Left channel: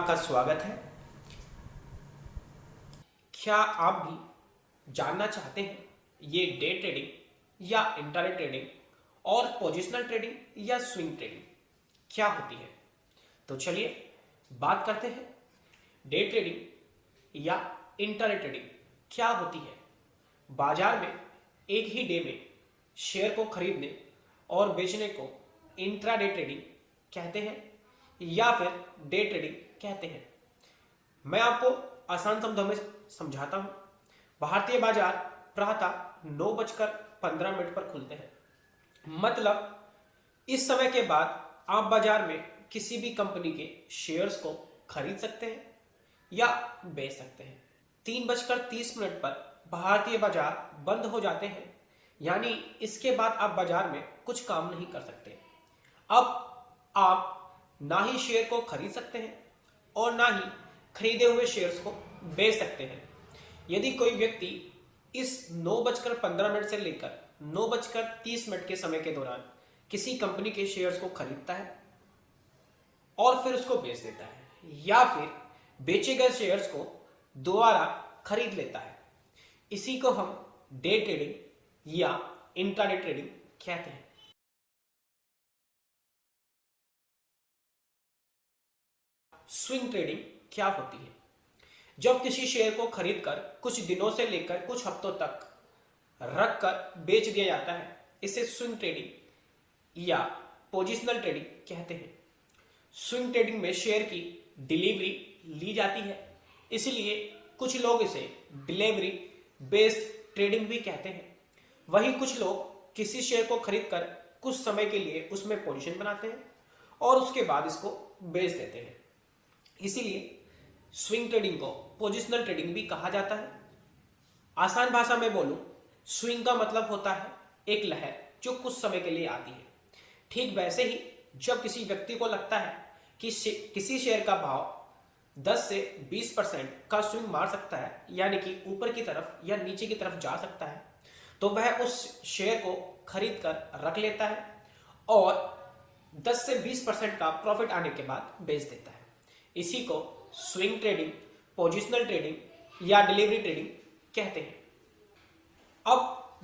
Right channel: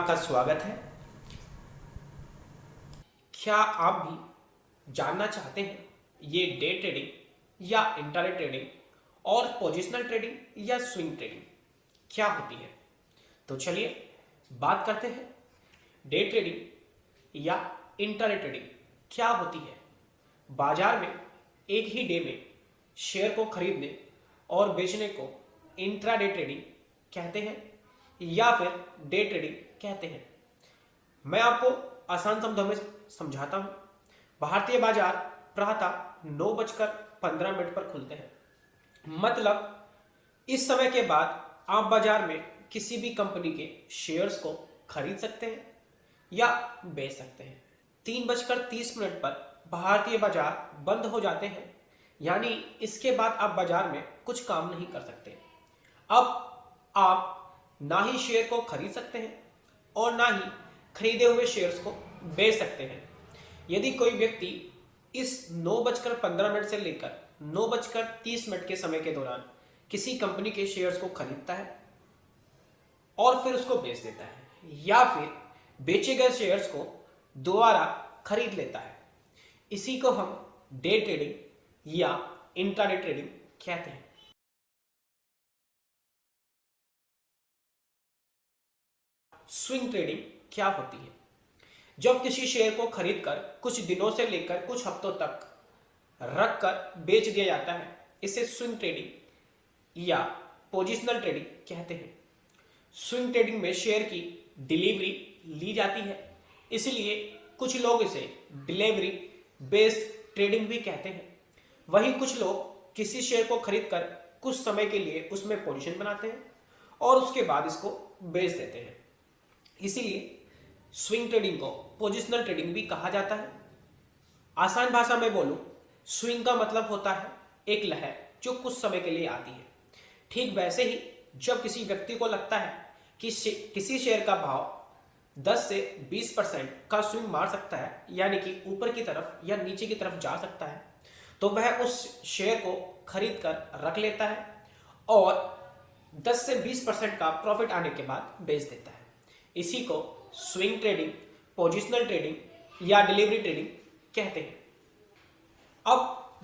आपका स्वागत है। क्या आप भी जानना चाहते हैं ये डे ट्रेडिंग या इंट्राडे ट्रेडिंग और पोजिशनल ट्रेडिंग या स्विंग ट्रेडिंग क्या होती है? तो चलिए बात करते हैं डे ट्रेडिंग या इंट्राडे ट्रेडिंग क्या होती है। बाजार में एक ही डे में शेयर को खरीदने और बेचने को इंट्राडे ट्रेडिंग कहते हैं या फिर डे ट्रेडिंग कहते हैं। मैं आपको आसान शब्दों में समझाता हूं। भारतीय बाजार प्रातः 9:15 पर खुलते हैं। मतलब इस समय के बाद आप बाजार में किसी भी कंपनी के शेयर्स को खरीद सकते हैं या बेच सकते हैं। 3:30 पर भारतीय बाजार बंद हो जाते हैं, यानी इसके बाद आप बाजार में कुछ काम नहीं कर सकते। अब आप ना ही शेयर को खरीद सकते हैं और ना ही खरीदे हुए शेयर्स को बेच सकते हैं। यदि कोई व्यक्ति इस 9:15 से लेकर 9:30 के समय के दौरान किसी कंपनी के शेयर्स को खरीदता है और फिर उसको बेच देता है या फिर बेचे गए शेयर्स को दोबारा खरीद लेता है, इसी को हम डे ट्रेडिंग या इंट्राडे ट्रेडिंग कहते हैं। स्विंग ट्रेडिंग क्या होती है? जब किसी शेयर को खरीदकर कुछ दिनों से लेकर कुछ हफ्तों तक रखकर बेच दिया जाता है, इसे स्विंग ट्रेडिंग या पोजिशनल ट्रेडिंग कहते हैं। स्विंग ट्रेडिंग में शेयर की डिलीवरी ली जाती है, इसलिए कुछ लोग इसे डिलीवरी बेस्ड ट्रेडिंग भी कहते हैं। वहीं कुछ लोग किसी शेयर को खरीदकर कुछ समय के लिए उसमें पोजीशन बनाते हैं और उसके बाद इसको बेच देते हैं, इसीलिए स्विंग ट्रेडिंग को पोजिशनल ट्रेडिंग भी कहा जाता है। आसान भाषा में बोलूं, स्विंग का मतलब होता है एक लहर जो कुछ समय के लिए आती है। ठीक वैसे ही जब किसी व्यक्ति को लगता है कि किसी शेयर का भाव 10 से 20% का स्विंग मार सकता है, यानी कि ऊपर की तरफ या नीचे की तरफ जा सकता है, तो वह उस शेयर को खरीद कर रख लेता है और 10 से 20% का प्रॉफिट आने के बाद बेच देता है। इसी को स्विंग ट्रेडिंग, पोजिशनल ट्रेडिंग या डिलीवरी ट्रेडिंग कहते हैं। अब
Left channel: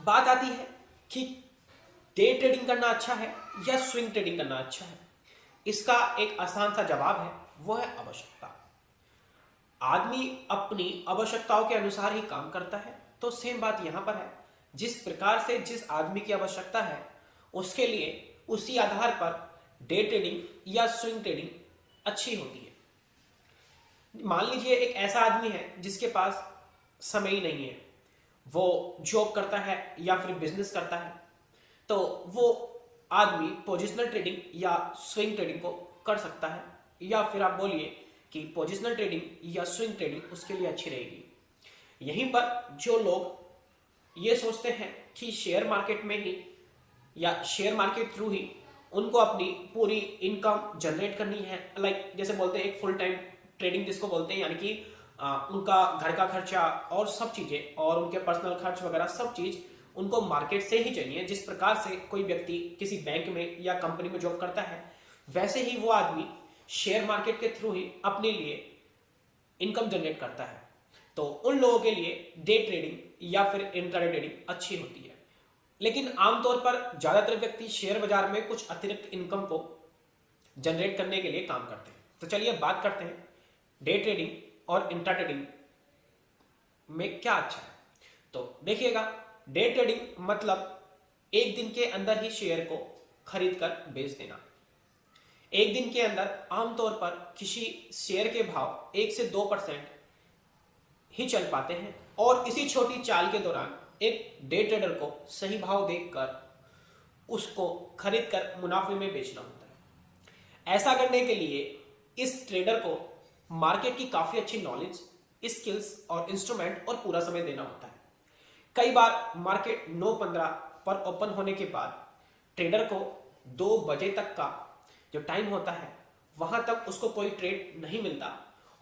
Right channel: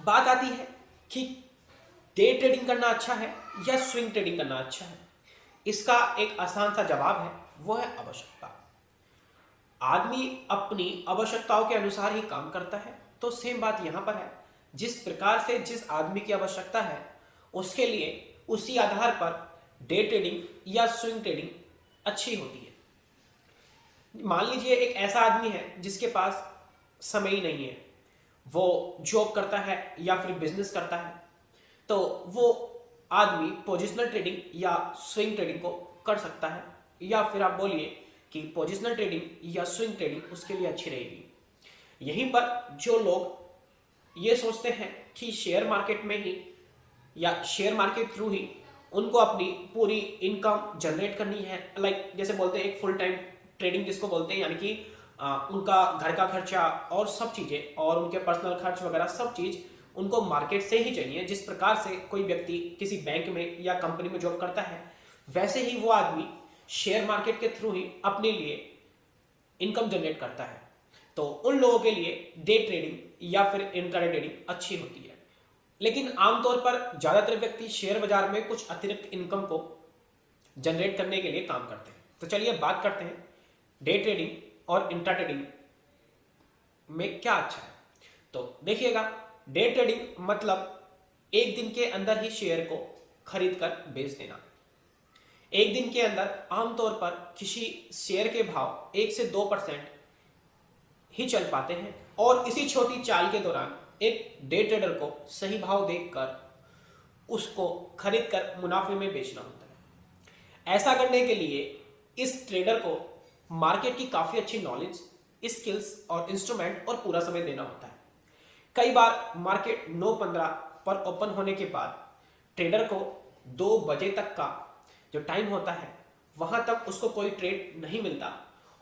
बात आती है कि डे ट्रेडिंग करना अच्छा है या स्विंग ट्रेडिंग करना अच्छा है। इसका एक आसान सा जवाब है, वो है आवश्यकता। आदमी अपनी आवश्यकताओं के अनुसार ही काम करता है, तो सेम बात यहाँ पर है। जिस प्रकार से जिस आदमी की आवश्यकता है उसके लिए उसी आधार पर डे ट्रेडिंग या स्विंग ट्रेडिंग अच्छी होती है। मान लीजिए एक ऐसा आदमी है जिसके पास समय ही नहीं है, वो जॉब करता है या फिर बिजनेस करता है, तो वो आदमी पोजिशनल ट्रेडिंग या स्विंग ट्रेडिंग को कर सकता है, या फिर आप बोलिए कि पोजिशनल ट्रेडिंग या स्विंग ट्रेडिंग उसके लिए अच्छी रहेगी। यहीं पर जो लोग ये सोचते हैं कि शेयर मार्केट में ही या शेयर मार्केट थ्रू ही उनको अपनी पूरी इनकम जनरेट करनी है, लाइक जैसे बोलते हैं एक फुल टाइम ट्रेडिंग जिसको बोलते हैं, यानी कि उनका घर का खर्चा और सब चीजें और उनके पर्सनल खर्च वगैरह सब चीज उनको मार्केट से ही चाहिए। जिस प्रकार से कोई व्यक्ति किसी बैंक में या कंपनी में जॉब करता है, वैसे ही वो आदमी शेयर मार्केट के थ्रू ही अपने लिए इनकम जनरेट करता है। तो उन लोगों के लिए डे ट्रेडिंग या फिर इंट्राडे ट्रेडिंग अच्छी होती है। लेकिन आमतौर पर ज्यादातर व्यक्ति शेयर बाजार में कुछ अतिरिक्त इनकम को जनरेट करने के लिए काम करते हैं। तो चलिए बात करते हैं डे ट्रेडिंग और इंट्रा ट्रेडिंग में क्या अच्छा है। तो देखिएगा, डे ट्रेडिंग मतलब एक दिन के अंदर ही शेयर को खरीद कर बेच देना। एक दिन के अंदर आमतौर पर किसी शेयर के भाव 1 से 2% ही चल पाते हैं और इसी छोटी चाल के दौरान एक डे ट्रेडर को सही भाव देखकर उसको खरीद कर मुनाफे में बेचना होता है। ऐसा करने के लिए इस ट्रेडर को मार्केट की काफी अच्छी नॉलेज, स्किल्स और इंस्ट्रूमेंट और पूरा समय देना होता है। कई बार मार्केट 9:15 पर ओपन होने के बाद ट्रेडर को 2 बजे तक का जो टाइम होता है वहां तक उसको कोई ट्रेड नहीं मिलता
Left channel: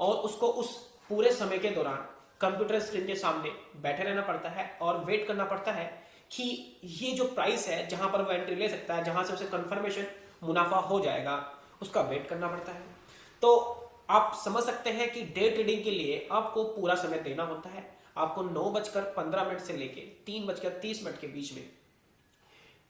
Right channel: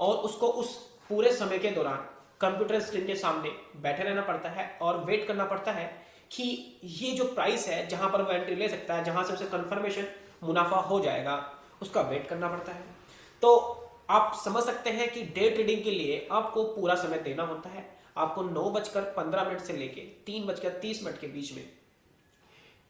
और उसको उस पूरे समय के दौरान कंप्यूटर स्क्रीन के सामने बैठे रहना पड़ता है और वेट करना पड़ता है कि ये जो प्राइस है जहां पर वो एंट्री ले सकता है, जहां से उसे कंफर्मेशन मुनाफा हो जाएगा, उसका वेट करना पड़ता है। तो आप समझ सकते हैं कि डे ट्रेडिंग के लिए आपको पूरा समय देना होता है। आपको 9:15 से लेके 3:30 के बीच में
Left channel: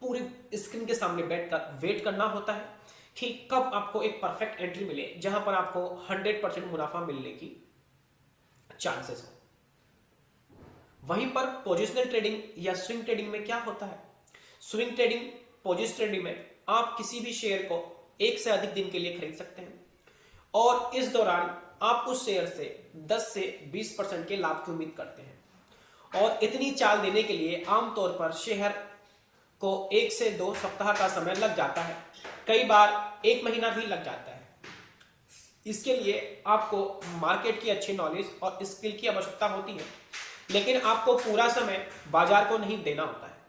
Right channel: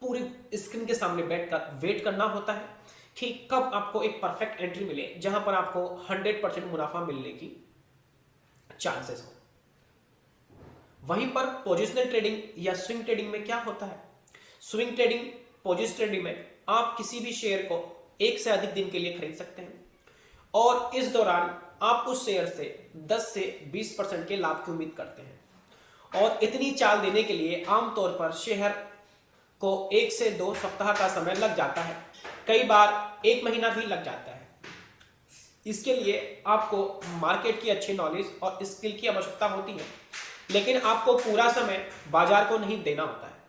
पूरी स्क्रीन के सामने बैठकर वेट करना होता है कि कब आपको एक परफेक्ट एंट्री मिले जहां पर आपको 100% मुनाफा मिलने की चांसेस है। वहीं पर पोजिशनल ट्रेडिंग या स्विंग ट्रेडिंग में क्या होता है? स्विंग ट्रेडिंग, पोजिशनल ट्रेडिंग में आप किसी भी शेयर को एक से अधिक दिन के लिए खरीद सकते हैं और इस दौरान आप उस शेयर से 10 से 20% के लाभ की उम्मीद करते हैं। और इतनी चाल देने के लिए आमतौर पर शेयर को 1 से 2 सप्ताह का समय लग जाता है, कई बार 1 महीना भी लग जाता है। इसके लिए आपको मार्केट की अच्छी नॉलेज और स्किल की आवश्यकता होती है, लेकिन आपको पूरा समय बाजार को नहीं देना होता है।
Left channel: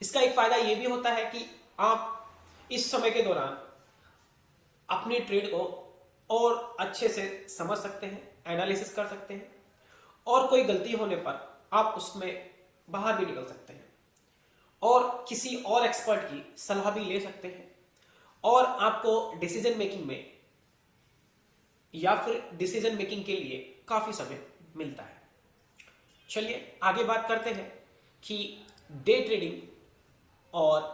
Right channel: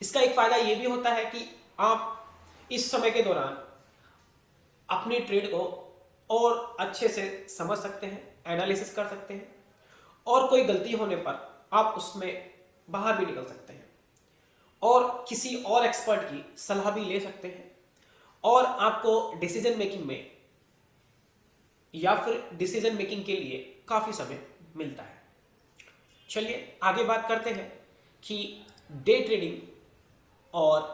इसका एक फायदा यह भी होता है कि आप इस समय के दौरान अपने ट्रेड को और अच्छे से समझ सकते हैं, एनालिसिस कर सकते हैं और कोई गलती होने पर आप उसमें बाहर भी निकल सकते हैं और किसी और एक्सपर्ट की सलाह भी ले सकते हैं और आपको डिसीजन मेकिंग में या फिर डिसीजन मेकिंग के लिए काफी समय मिलता है। चलिए आगे बात करते हैं कि डे ट्रेडिंग और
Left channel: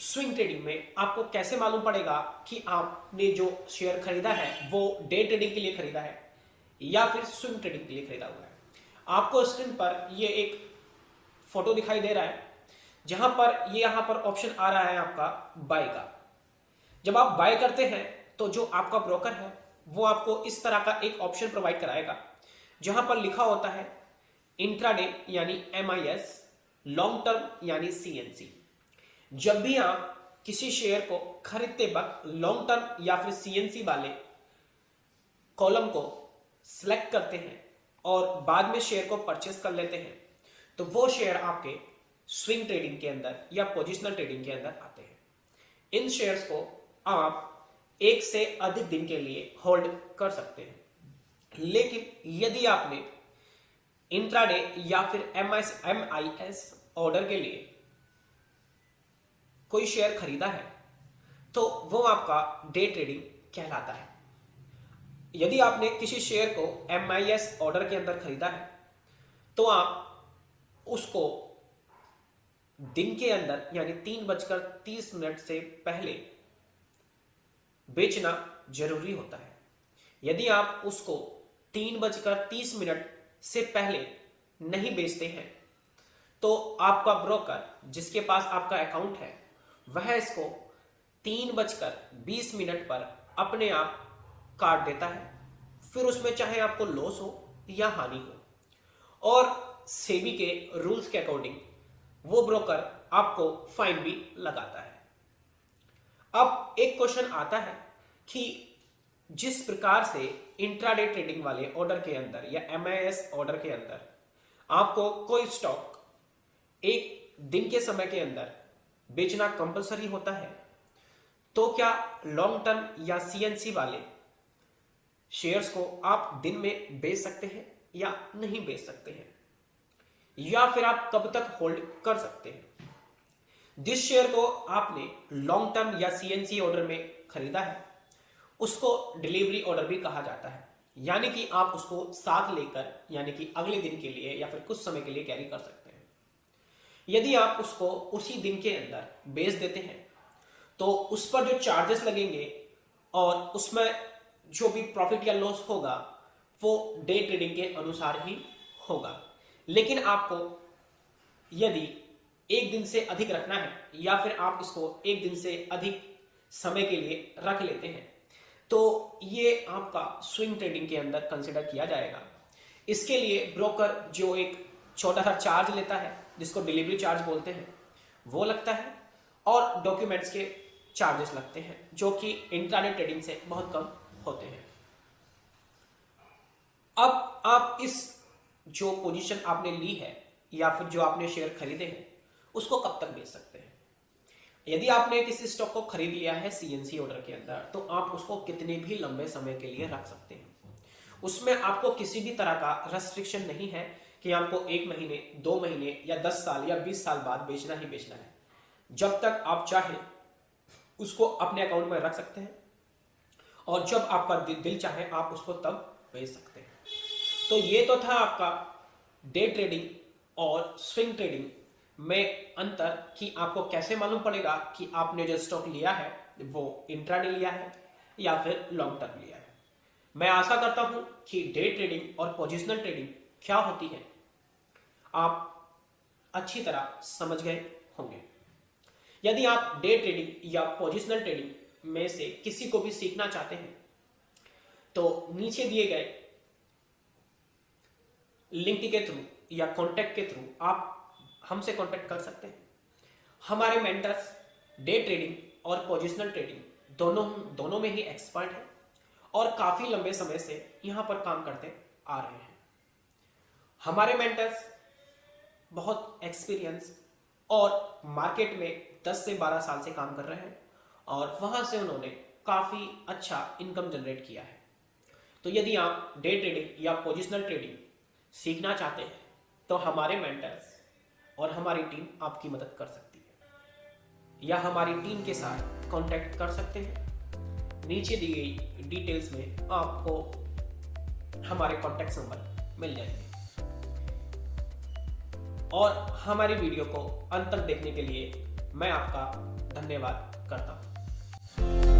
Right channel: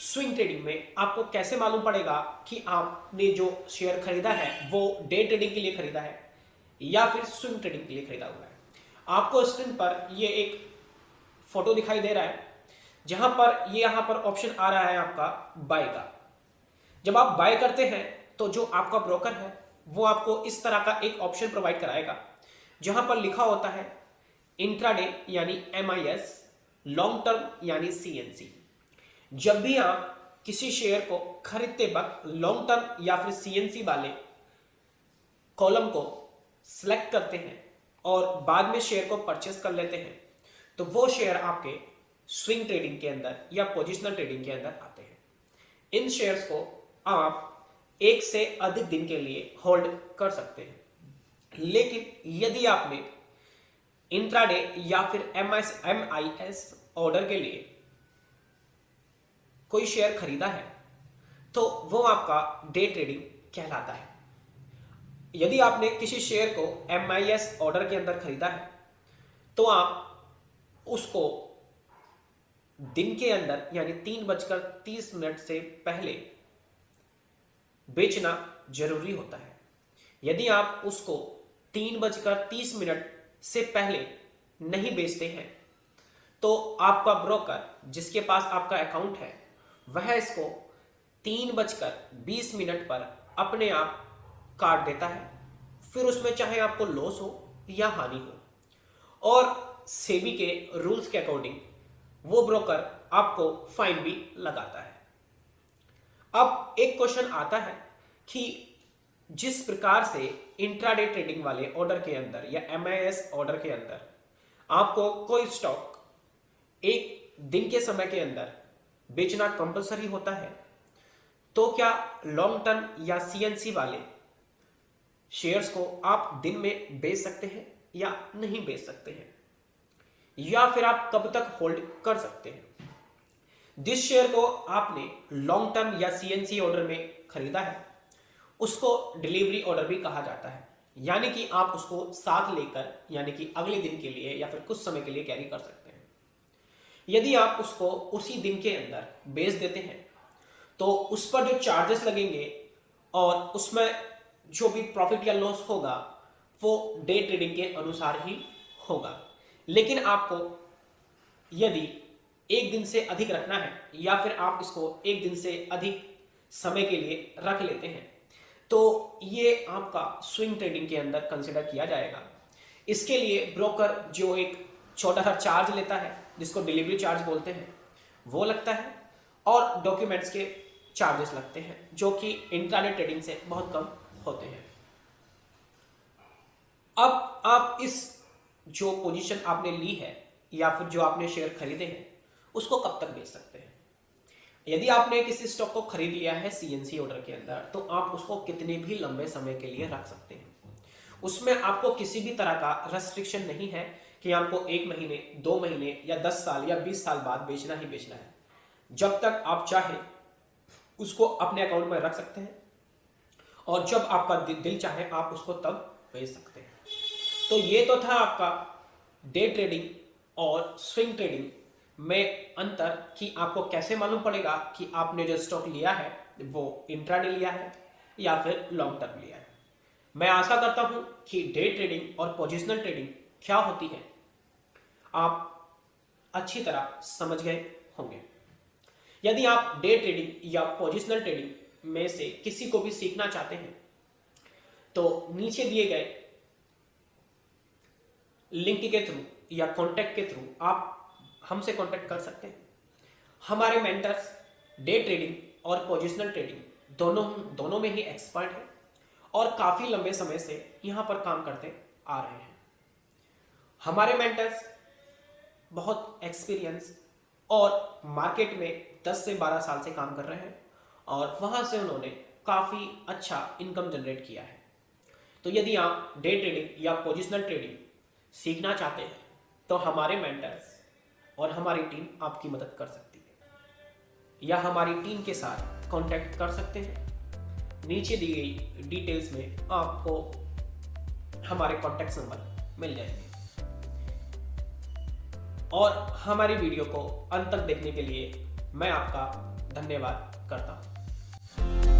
स्विंग ट्रेडिंग में आपको कैसे मालूम पड़ेगा कि आपने जो शेयर खरीदा है वो डे ट्रेडिंग के लिए खरीदा है या फिर स्विंग ट्रेडिंग के लिए खरीदा हुआ है। आपको स्क्रीन पर ये एक फोटो दिखाई दे रहा है जहां पर ये यहां पर ऑप्शन आ रहा है आपका बाय का। जब आप बाय करते हैं तो जो आपका ब्रोकर है वो आपको इस तरह का एक ऑप्शन प्रोवाइड कराएगा जहां पर लिखा होता है इंट्राडे यानी MIS, लॉन्ग टर्म यानी CNC। जब भी आप किसी शेयर को खरीदते वक्त लॉन्ग टर्म या फिर CNC वाले कॉलम को सिलेक्ट करते हैं और बाद में शेयर को परचेस कर लेते हैं तो वो शेयर आपके स्विंग ट्रेडिंग के अंदर या पोजिशनल ट्रेडिंग के अंदर आते हैं। इन शेयर्स को आप एक से अधिक दिन के लिए होल्ड कर सकते हैं, लेकिन यदि आपने इंट्राडे या फिर MIS ऑर्डर के लिए कोई शेयर खरीदा है तो वो आपका डे ट्रेडिंग कहलाता है। यदि आपने किसी शेयर को MIS ऑर्डर के अंदर खरीदा है तो आप उसको दिन के अंदर यानी 3:30 से पहले बेचना जरूरी होता है। यदि आप उसको 3:30 से पहले नहीं बेचते हैं तो आपका ब्रोकर जिसके पास आपका अकाउंट है वह इसको 3:20 पर अपने आप काट देता है। फिर उसमें चाहे आपको लॉस हो या हानि हो और सेबी के रूल्स के अकॉर्डिंग वो ब्रोकर आपको फाइन भी लगाता है। अब एक क्वेश्चन आता है कि जिस प्रकार से इंट्राडे ट्रेडिंग वाले ऑर्डर के अंदर या MIS ऑर्डर के अंदर आपको कोई स्टॉक एक दिन के समय के अंदर बेचना कंपलसरी होता है, तो क्या लॉन्ग टर्म या CNC वाले शेयर्स को आप दिन में बेच सकते हैं या नहीं बेच सकते हैं, या फिर आप कब तक होल्ड कर सकते हैं? जिस शेयर को आपने लॉन्ग टर्म या CNC ऑर्डर में खरीदा है उसको डिलीवरी ऑर्डर भी कहा जाता है, यानी कि आप उसको साथ लेकर यानी कि अगले दिन के लिए या फिर कुछ समय के लिए कैरी कर सकते हैं। यदि आप उसको उसी दिन के अंदर बेच देते हैं तो उस पर जो चार्जेस लगेंगे और उसमें जो भी प्रॉफिट या लॉस होगा वो डे ट्रेडिंग के अनुसार ही होगा। लेकिन आपको यदि एक दिन से अधिक रखना है या फिर आप इसको एक दिन से अधिक समय के लिए रख लेते हैं तो ये आपका स्विंग ट्रेडिंग के अंदर कंसिडर किया जाएगा। इसके लिए ब्रोकर जो एक छोटा सा चार्ज लेता है जिसको डिलीवरी चार्ज बोलते हैं वो लगता है और डॉक्यूमेंट्स के चार्जेस लगते हैं जो कि इंट्राडे ट्रेडिंग से बहुत कम होते हैं। अब आप इस जो पोजीशन आपने ली है या फिर जो आपने शेयर खरीदे हैं उसको कब तक बेच सकते हैं? यदि आपने किसी स्टॉक को खरीद लिया है CNC ऑर्डर के अंदर तो आप उसको कितने भी लंबे समय के लिए रख सकते हैं। उसमें आपको किसी भी तरह का रेस्ट्रिक्शन नहीं है कि आपको 1 महीने 2 महीने या 10 साल या 20 साल बाद बेचना ही बेचना है। जब तक आप चाहें उसको अपने अकाउंट में रख सकते हैं और जब आपका दिल चाहे आप उसको तब भेज सकते हैं। तो ये तो था आपका डे ट्रेडिंग और स्विंग ट्रेडिंग में अंतर, कि आपको कैसे मालूम पड़ेगा कि आपने जो स्टॉक लिया है वो इंट्राडे लिया है या फिर लॉन्ग टर्म लिया है। मैं आशा करता हूं कि डे ट्रेडिंग और पोजिशनल ट्रेडिंग क्या होती है आप अच्छी तरह समझ गए होंगे। यदि आप डे ट्रेडिंग या पोजिशनल ट्रेडिंग में से किसी को भी सीखना चाहते हैं तो नीचे दिए गए लिंक के थ्रू या कांटेक्ट के थ्रू आप हमसे कांटेक्ट कर सकते हैं। हमारे मेंटर्स डे ट्रेडिंग और पोजिशनल ट्रेडिंग दोनों में ही एक्सपर्ट हैं और काफी लंबे समय से यहां पर काम करते आ रहे हैं। हमारे मेंटर्स बहुत एक्सपीरियंस और मार्केट में 10 से 12 साल से काम कर रहे हैं और वहां से उन्होंने काफी अच्छा इनकम जनरेट किया है। तो यदि आप डे ट्रेडिंग या पोजिशनल ट्रेडिंग सीखना चाहते हैं तो हमारे मेंटर्स और हमारी टीम आपकी मदद कर सकती है या हमारी टीम के साथ कांटेक्ट कर सकते हैं। नीचे दी गई डिटेल्स में आपको हमारे कांटेक्ट नंबर मिल जाएंगे। और हमारी वीडियो को अंत तक देखने के लिए मैं आपका धन्यवाद करता हूँ।